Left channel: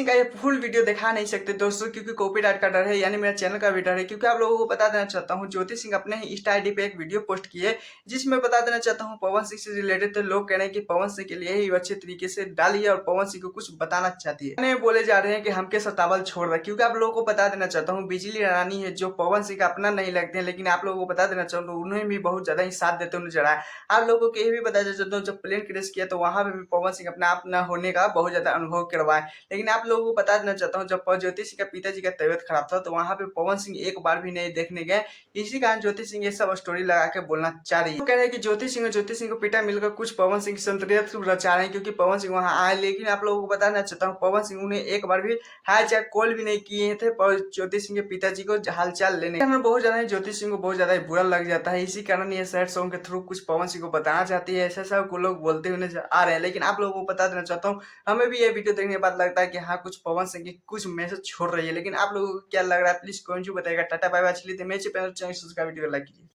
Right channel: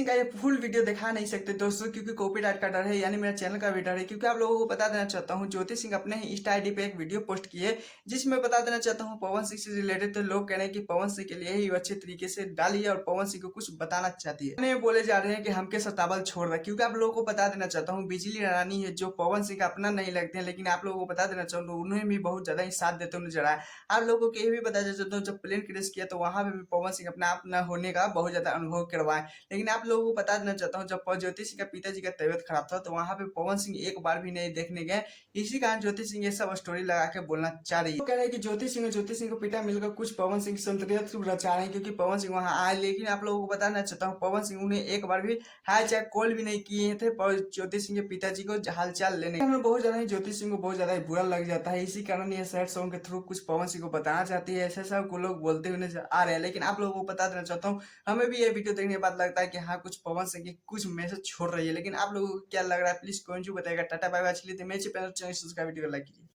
सिंह का ये full video दिखा नहीं सकते दोस्तों, क्योंकि कॉपीराइट का डर है, यानी मेरा चैनल का भी डर है। क्योंकि आप लोगों को बता देना चाहता हूँ, ज्योति सिंह अपने ही इंस्टा आईडी पे एक वीडियो पोस्ट किए, जिसमें बता देना चाहता हूँ पवन सिंह से रिलेटेड। तो लोग कह रहे हैं कि पवन सिंह के लिए ही अच्छे तरीके से डाली है और पवन सिंह को कुछ बताना चाहती है। मैंने बोले जा रहे हैं कि हमके सतावल छोड़ रहा है, क्योंकि आप लोगों को बता देना चाहता हूँ बिजली रानी है, जो पवन सिंह का अपना नहीं लगते हैं, लेकिन आप लोगों को बता देना चाहता हूँ उन्हें भी बहुत ज्यादा ही साथ देते हुए नजर आया। आप लोगों को ये भी बता देना चाहता हूँ, जब प्लेन क्रैश किया तो वहां पे भी पवन सिंह अपने आप न होने का बहुत ज्यादा अनुभव करवाए। लेकिन आप लोगों को बता देना चाहता हूँ, जब ज्योति सिंह का पिताजी का तबियत खराब था तो वहां पे पवन सिंह एक बार भी नहीं देखने गए। इसी कारण ज्योति सिंह ये सब स्टोरी लगा के बोलना चाह रही है। तो कह रहे हैं कि ज्योति सिंह को पिता मिलकर कुछ पवन सिंह की संतरियत रचा रहे हैं, क्योंकि पवन सिंह वहां आए। लेकिन आप लोगों को बताना चाहता हूँ, पवन सिंह उन्हें एक बार भी हाई चाहे कॉल भी नहीं किए थे ज्योति सिंह के पिताजी को हालचाल लेने। बहुत ज्यादा ज्योति सिंह को बहुत ज्यादा बुरा लग जाता है। इसी कारण ये सैड सॉन्ग के थ्रू कुछ पवन सिंह को बताना चाहती है, ऐसा सब लोग बोलते हुए नजर आ रहे हैं। लेकिन आप लोगों को बता देना चाहता हूँ, हमें भी ये वीडियो देखने के बाद लगता है कि हाँ कुछ पवन सिंह की कुछ मैसेज छोड़ रही है। लेकिन आप लोगों को क्या लग रहा है, प्लीज कमेंट में बताइएगा। टाटा बाय बाय, चलिए मेरे चैनल सब्सक्राइब वीडियो लाइक कीजिए।